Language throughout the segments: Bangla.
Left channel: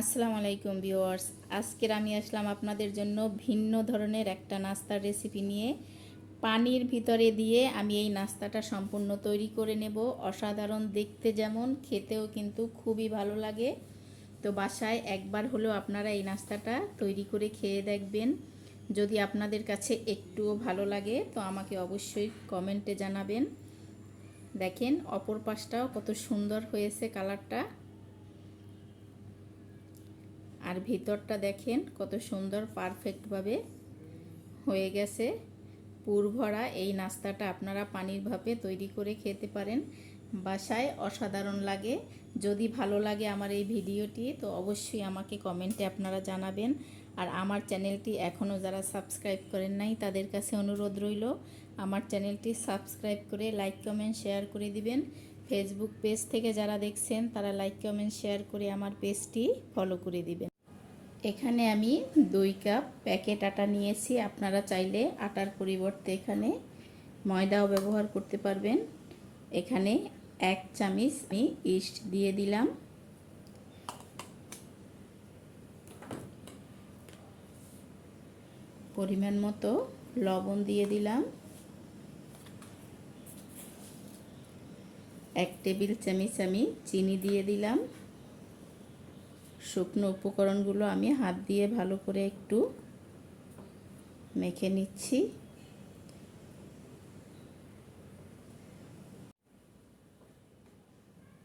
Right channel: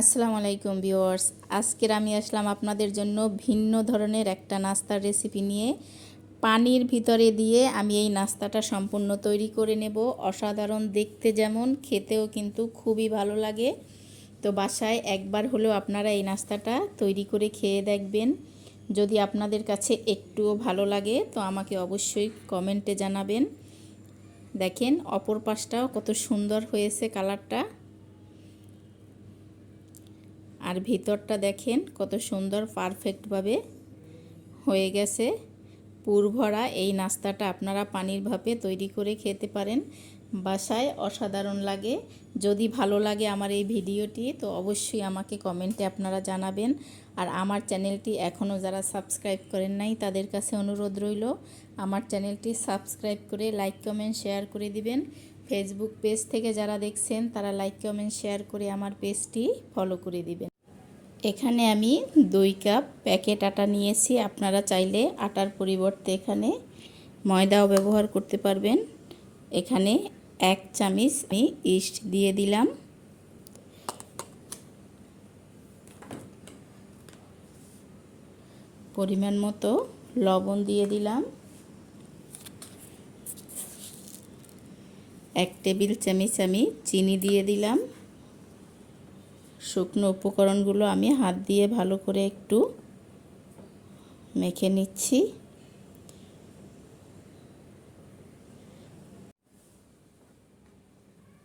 আসসালামু আলাইকুম ভিউয়ার্স। আজকের আমি আসলাম আপনাদের জন্য ভিন্ন ধরনের একটা নাস্তার রেসিপি নিয়ে। পানির ভিতরে দিয়ে আমি এই নাস্তাটা সম্পূর্ণ তৈরি করে নেব। অসাধারণ দেখতে যেমন, খেতেও কিন্তু খুবই ভালো লাগে। তো বাসায় একবার হলেও আপনারা এই নাস্তাটা তৈরি করে খেয়ে দেখবেন। যদি আপনাদের কাছে একটুও ভালো লাগে, তো আমাকে অবশ্যই কমেন্টে জানাবেন। দেখেন, অপর পাশটাও কত সুন্দর হয়েছে কালারটা। আর ভিতরটা দেখেন কত সুন্দর পারফেক্টভাবে হয়ে গেছে। পুর ভরা এই নাস্তাটা আপনারা পানির ভাপে তৈরি করে খেতে পারেন। বাসায় অসাধারণ লাগে। যদি ভালো লাগে আমার এই ভিডিওটি, তো অবশ্যই আমাকে কমেন্টে আপনারা জানাবেন। আর আমার চ্যানেলটি এখনও যারা সাবস্ক্রাইব করেন নাই, তাদের কাছে অনুরোধ রইল, আমার চ্যানেলটি সাবস্ক্রাইব করে লাইক, কমেন্ট, শেয়ার করে দিবেন। ফেসবুক পেজ থেকে যারা দেখছেন, তারা লাইক, কমেন্ট, শেয়ার করে আমার পেজটি ফলো করে দিবেন। এখানে আমি দুই কাপ প্যাকেট আটা নিয়েছি। আপনারা চাইলে আটার পরিবর্তে এখানে ময়দাও ব্যবহার করতে পারবেন। এখানে এক চামিচ আমি ইস্ট দিয়ে দিলাম। পরিমাণ মতো লবণ দিয়ে দিলাম। এক টেবিল চামিচ আমি চিনি দিয়ে দিলাম। শুকনো উপকরণগুলো আমি হাত দিয়ে ভালো করে একটু মেখে নিচ্ছি।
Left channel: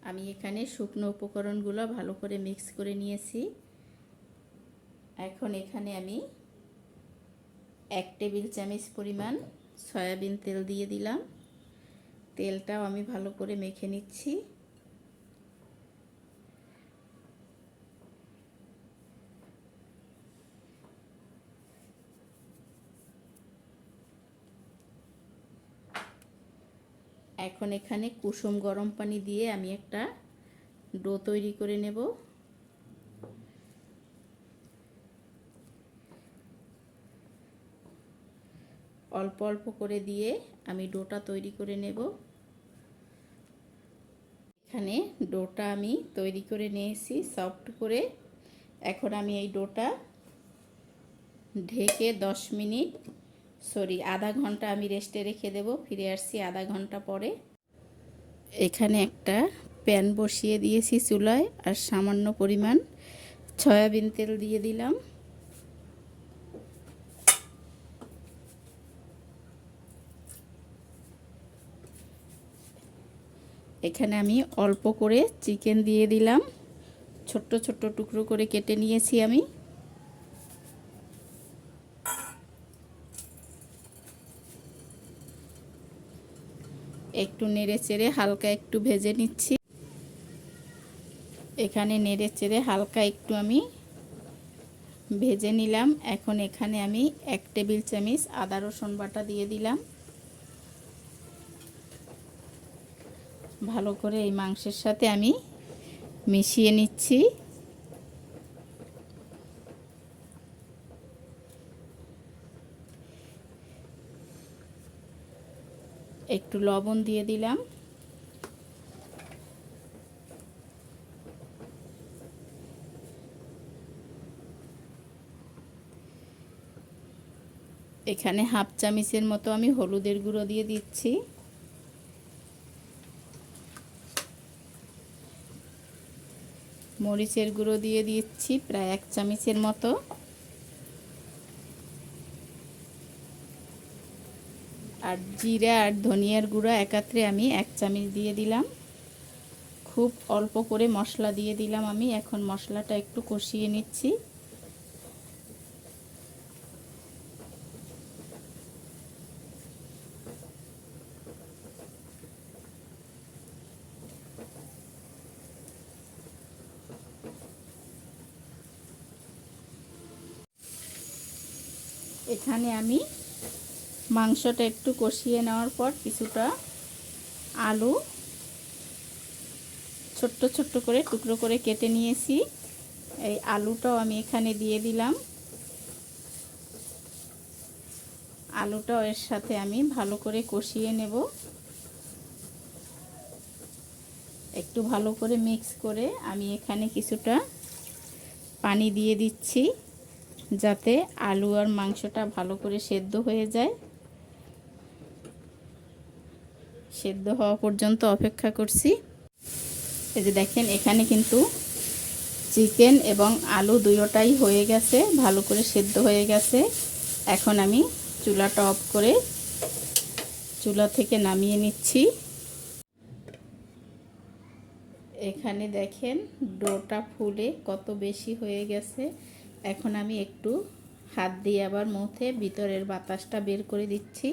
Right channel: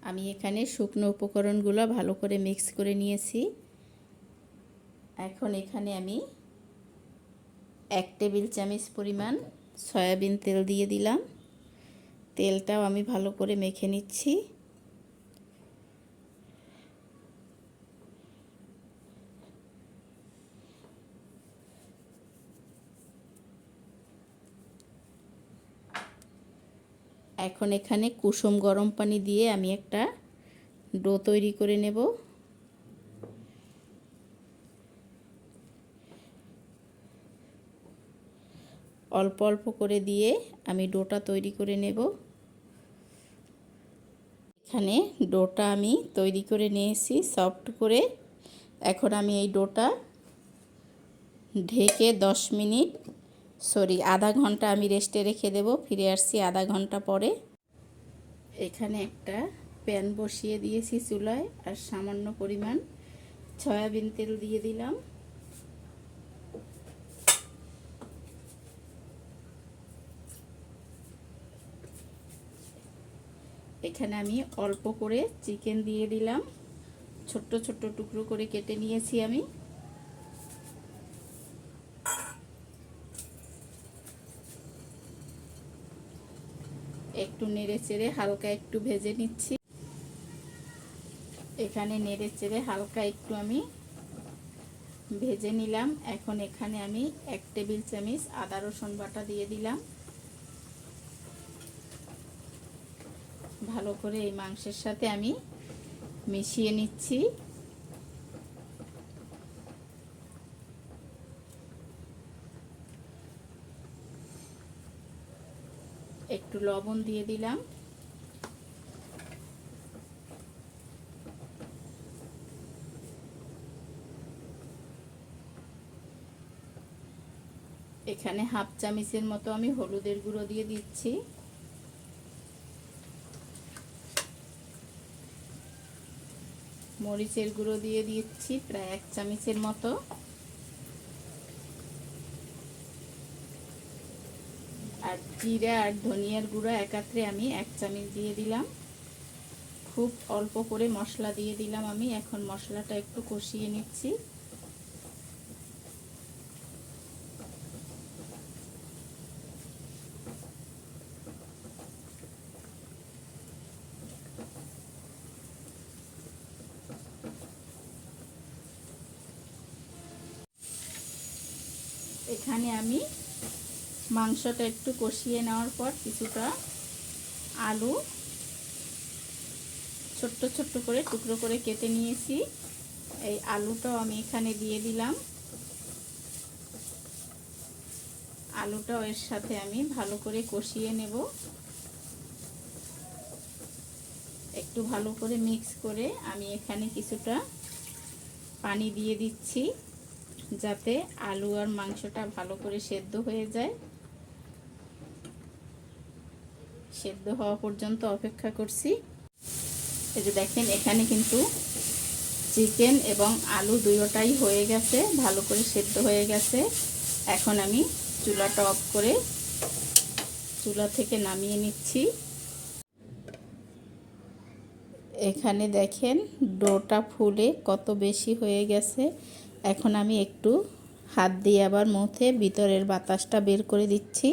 আমি এখানে শুকনো উপকরণগুলো ভালো করে মিক্স করে নিয়েছি। এখন এখানে আমি এক টেবিল চামচ পরিমাণ সয়াবিন তেল দিয়ে দিলাম। তেলটাও আমি ভালো করে মেখে নিচ্ছি। এখন এখানে কুসুম গরম পানি দিয়ে আমি একটা ডো তৈরি করে নেব। অল্প অল্প করে দিয়ে আমি ডোটা তৈরি করে নেব। এখানে ডোটা আমি তৈরি করে নিয়েছি সফট করে। এখন আমি এই ডোটা ঢেকে দশ মিনিট সরি, আধা ঘণ্টা আমি রেস্টে রেখে দেব, ফিরে আসছি আধা ঘণ্টা পরে। এখানে একটা প্যান বসিয়ে দিয়েছি চুলায়, আর সামান্য পরিমাণ সয়াবিন তেল দিয়ে দিলাম। এখানে আমি অল্প করে চিকেন দিয়ে দিলাম। ছোট্ট ছোট্ট টুকরো করে কেটে নিয়েছি আমি। একটু নেড়ে চেড়ে হালকা একটু ভেজে নিচ্ছি। এখানে নেড়ে চেড়ে হালকা একটু আমি ভেজে নিলাম। এখন এখানে আমি এক টেবিল চামচ আদা রসুন বাটা দিয়ে দিলাম। ভালো করে এই মাংসের সাথে আমি মিশিয়ে নিচ্ছি। একটু লবণ দিয়ে দিলাম। এখানে হাফ চামিচের মতো আমি হলুদের গুঁড়ো দিয়ে দিচ্ছি। মরিচের গুঁড়ো দিয়ে দিচ্ছি প্রায় এক চামিচের মতো। আর জিরা আর ধনিয়ার গুঁড়ো একাত্রে আমি এক চামচ দিয়ে দিলাম। খুব অল্প করে মশলা দিয়ে দিলাম আমি। এখন মশলাটা একটু কষিয়ে নিচ্ছি। এখানে আমি মাংসটা একটু কষিয়ে নেওয়ার পর কিছুটা আলু ছোট্ট ছোট্ট করে টুকরো করে কেটে নিয়েছি। এই আলুটাও আমি এখানে দিয়ে দিলাম। আলুটাও এর সাথে আমি ভালো করে কষিয়ে নেব। একটু ভালো করে মিক্স করে আমি এখানে কিছুটা পানি দিয়ে দিচ্ছি, যাতে আলু আর মাংসটা ভালো করে সেদ্ধ হয়ে যায়। সেদ্ধ হওয়া পর্যন্ত অপেক্ষা করছি। এই যে দেখেন, এখানে কিন্তু চিকেন এবং আলু দুটোটাই হয়ে গেছে, ভালো করে সেদ্ধ হয়ে গেছে। এখন আমি চুলাটা অফ করে চুলা থেকে নামিয়ে নিচ্ছি। এখানে দেখেন, ডোটা ফুলে কত বেশি হয়ে গেছে। এখন আমি একটু হাত দিয়ে আবার মুখে ভিতরের বাতাসটা বের করে দিচ্ছি।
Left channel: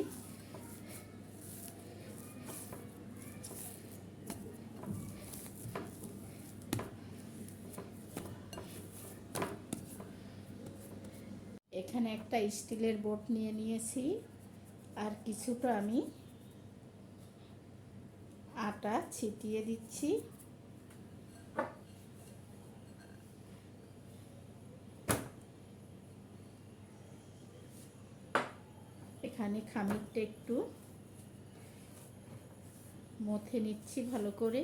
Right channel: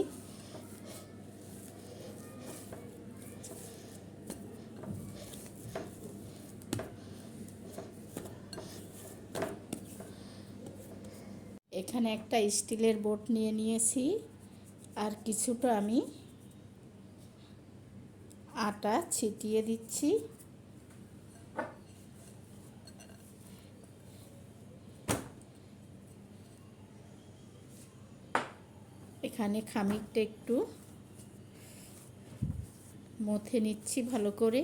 এখানে একটা স্টিলের বোট নিয়ে নিয়েছি। আর কিছুটা আমি আটা ছিটিয়ে দিচ্ছি। এখানে খামিরটা একটু মথে নিচ্ছি ভালো করে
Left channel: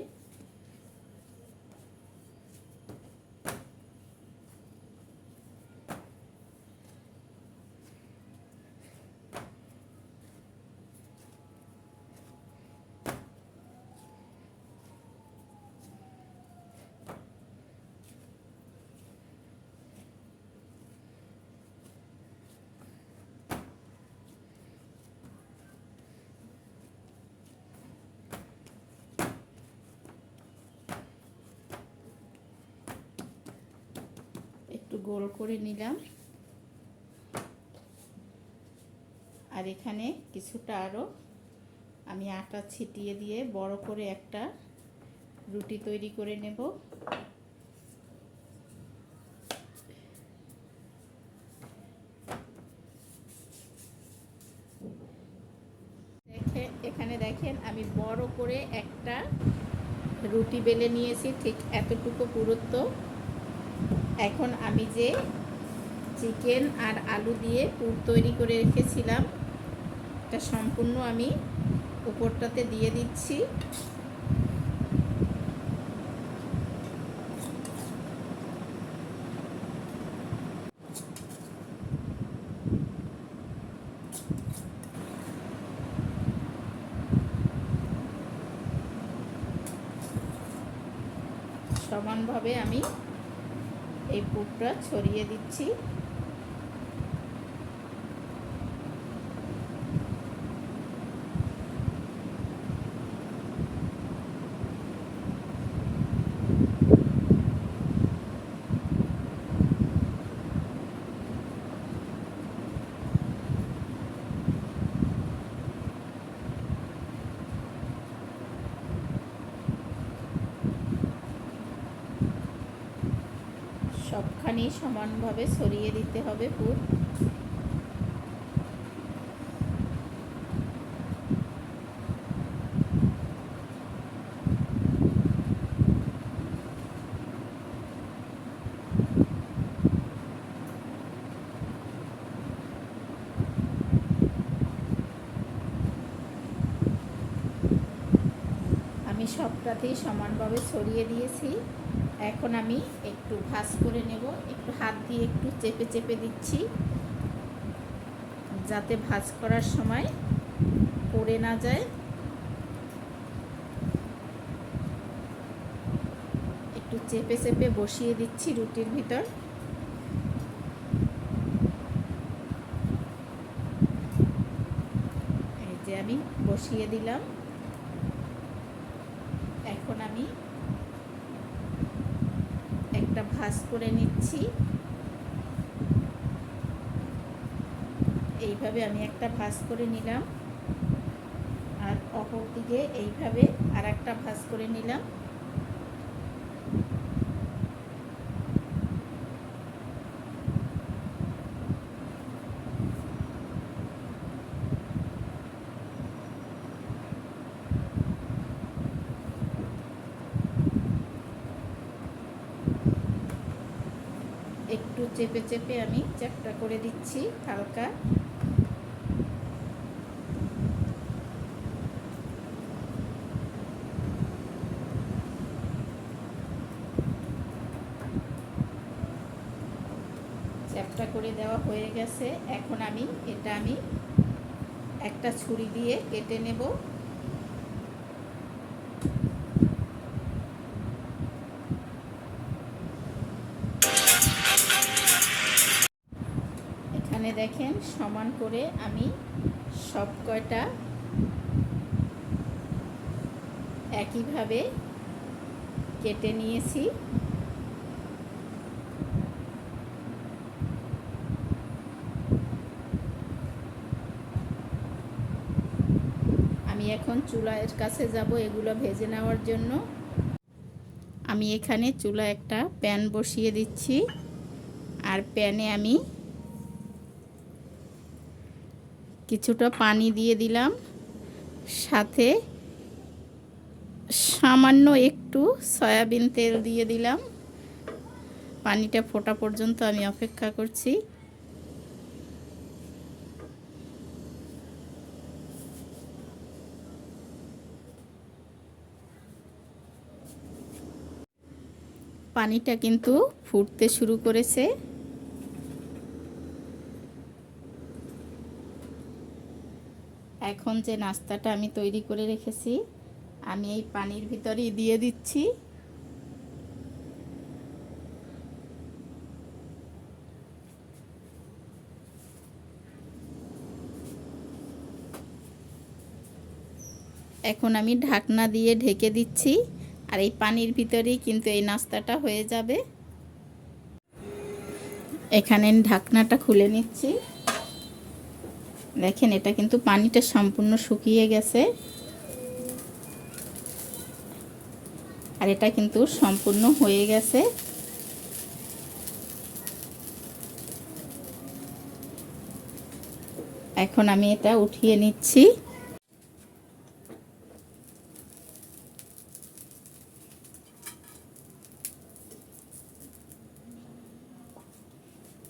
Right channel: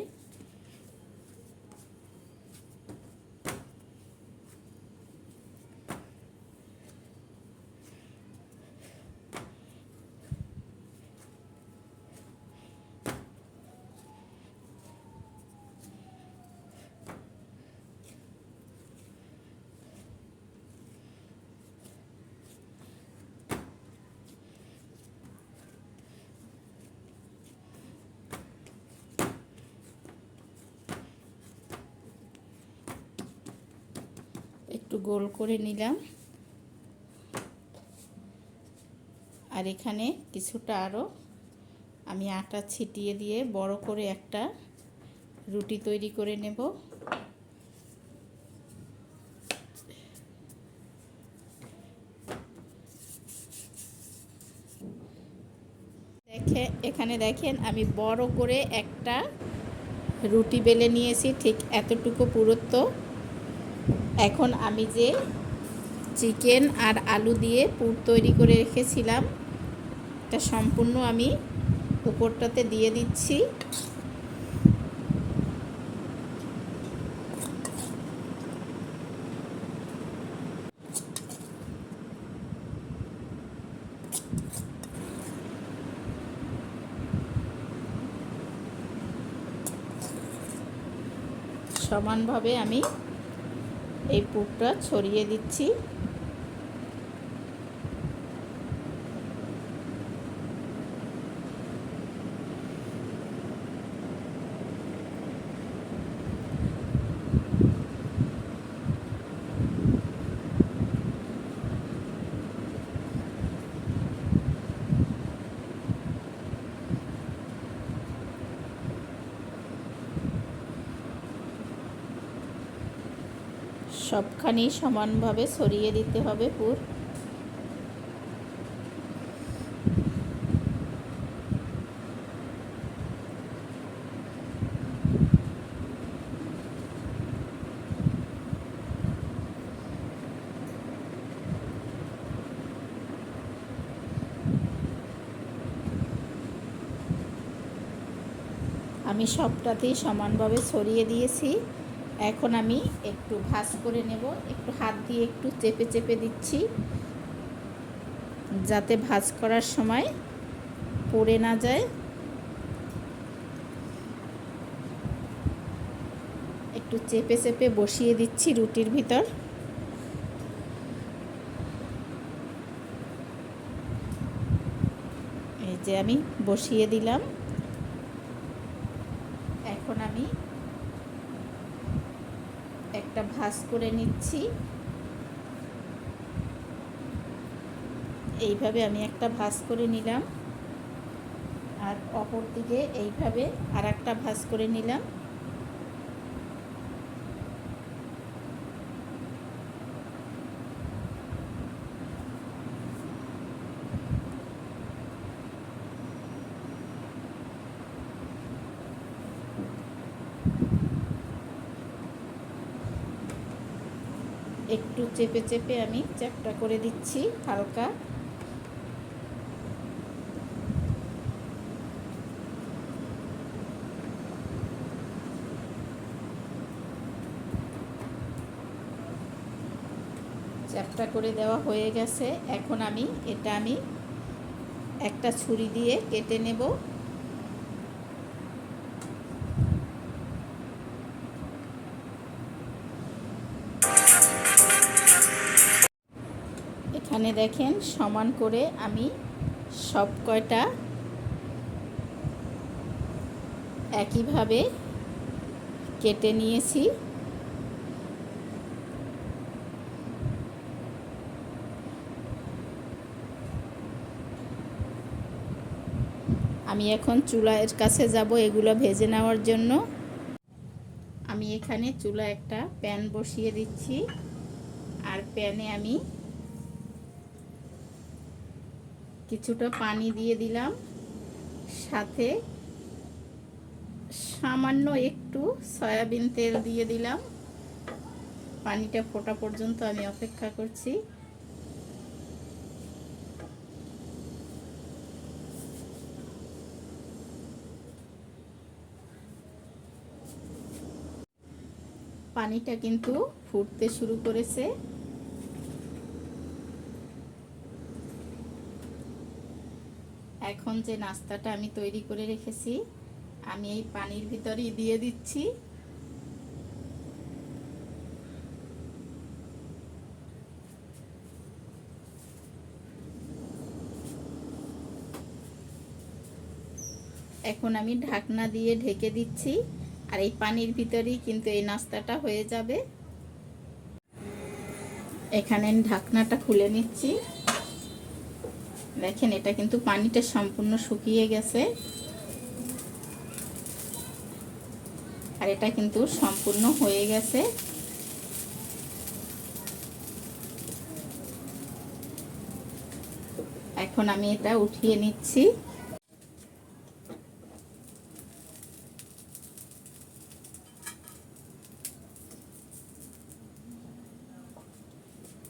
একটু গোল করে নিলাম। আর এখানে কিছুটা আরও আমি আটা ছিটিয়ে দিয়ে বড় করে একটা রুটি তৈরি করে নেব। দেখে এখানে দেখেন আমি বড় করে একটা রুটি বেলে নিয়েছি, ঠিক এতটুকু পুরুত্ব। এখন আমি যে চিকেন আর আলু দিয়ে পুর তৈরি করে রেখেছিলাম, এটা সম্পূর্ণ আমি উপরটাতে দিয়ে দিচ্ছি। সমানভাবে আমি এই পুকটা ছড়িয়ে দিচ্ছি। সবখানি সমানভাবে ছড়িয়ে দিতে হবে পুর। আমি সবটাতেই সমানভাবে ছড়িয়ে দিয়েছি। এখন আমি একটু ভাজ করে নেব, একটু হাত দিয়ে একটু চেপে চেপে দিচ্ছি, যাতে ভাজ করার সময় পড়ে না যায়। একটু চেপে চেপে বসিয়ে দিচ্ছি রুটির ভিতর। এই যে আমি বসিয়ে দিলাম। এখন আমি একটা ভাজ করে নিচ্ছি। এইভাবে আমি একটা ভাজ করে নিলাম। আর অপর দিকে এইভাবে আর একটা ভাজ করে নিলাম। একটু চেপে চেপে আমি চ্যাপটা করে দিচ্ছি হালকা। চ্যাপটা করে দেওয়া হয়ে গেছে। এখন আমি, এটা আমি একটা ছুরি দিয়ে কেটে নেব। দেখেন, সমান করে আমি সব কয়টা একইভাবে কেটে নিয়েছি। আমি এখন চুলার কাছে যাব এগুলো ভেজে নেওয়ার জন্য। আমি এখানে চুলা একটা প্যান বসিয়ে দিচ্ছি। আর প্যানে আমি কিছুটা পানি দিয়ে দিলাম। সাথে সামান্য একটু সয়াবিন তেল দিয়ে দিলাম। পানিটা ফোটা পর্যন্ত আমি অপেক্ষা করছি। পানিটা কিন্তু ফুটতে শুরু করেছে। এখন যে নাস্তাটা আমি তৈরি করে রেখেছি, আমি এই পানির ভিতরেই দিয়ে দিচ্ছি। এখন আমি ঢাকনা দিয়ে ঢেকে দিচ্ছি, আর এই পানির ভিতরেই কিন্তু এই নাস্তাটা হয়ে যাবে। এখানে ঢাকনাটা খুলে নিচ্ছি। দেখেন, এটা কিন্তু পানিটা সম্পূর্ণ শুকিয়ে গেছে। আর এটা কিন্তু সম্পূর্ণ হয়ে গেছে। এখন আমি এটা উঠিয়ে নিচ্ছি।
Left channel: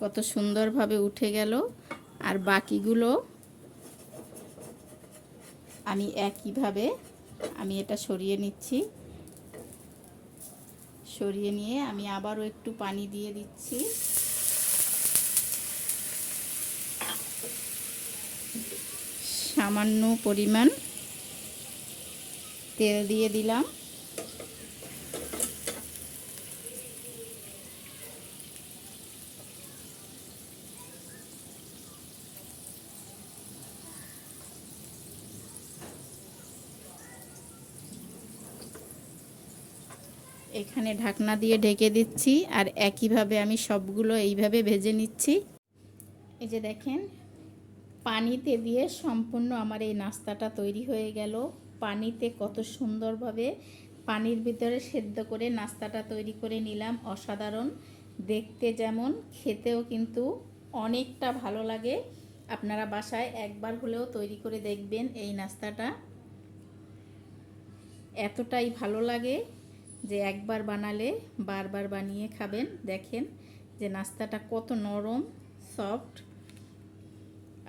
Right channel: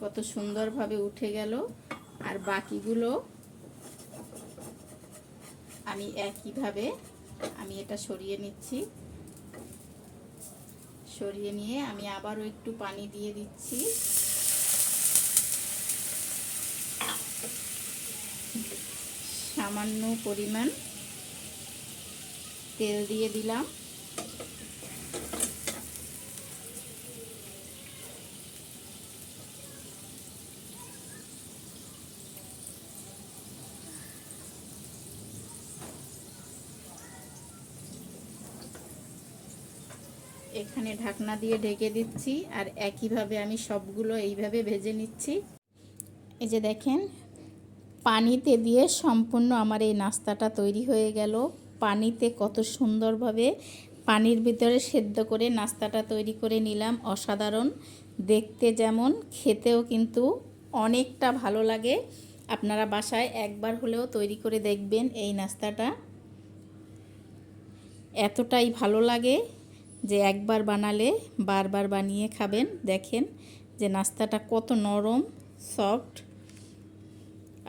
কত সুন্দরভাবে উঠে গেল। আর বাকিগুলো আমি একইভাবে আমি এটা সরিয়ে নিচ্ছি। সরিয়ে নিয়ে আমি আবারও একটু পানি দিয়ে দিচ্ছি। সামান্য পরিমাণ তেল দিয়ে দিলাম। এখানে ঢাকনা দিয়ে ঢেকে দিচ্ছি আর একইভাবে আমি সবগুলো এইভাবে ভেজে নিচ্ছি। এই যে দেখেন, পানিতে দিয়ে সম্পূর্ণ আমার এই নাস্তাটা তৈরি হয়ে গেল। পানিতে কত সুন্দরভাবে পানির ভিতরে সেদ্ধ করে নাস্তাটা তৈরি করে নিলাম, অসাধারণ। দেখতে যেমন, খেতেও কিন্তু অনেকটা ভালো লাগে। আপনারা বাসায় একবার হলেও তৈরি করে দেখবেন এই নাস্তাটা। এতটাই ভালো লাগে। যে একবার বানালে বারবার বানিয়ে খাবেন, দেখেন যে নাস্তাটা কত নরম সফট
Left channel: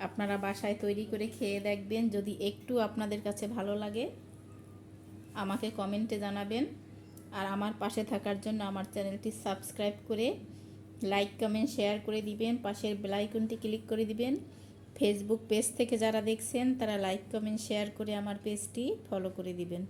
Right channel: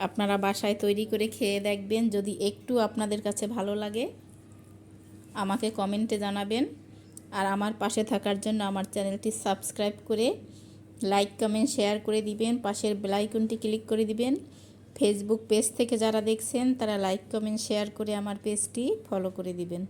আপনারা বাসায় তৈরি করে খেয়ে দেখবেন, যদি একটু আপনাদের কাছে ভালো লাগে, আমাকে কমেন্টে জানাবেন। আর আমার পাশে থাকার জন্য আমার চ্যানেলটি সাবস্ক্রাইব করে লাইক, কমেন্ট, শেয়ার করে দিবেন, পাশের বেলাইকনটি ক্লিক করে দিবেন। ফেসবুক পেজ থেকে যারা দেখছেন, তারা লাইক, কমেন্ট, শেয়ার করে আমার পেজটি ফলো করে দিবেন।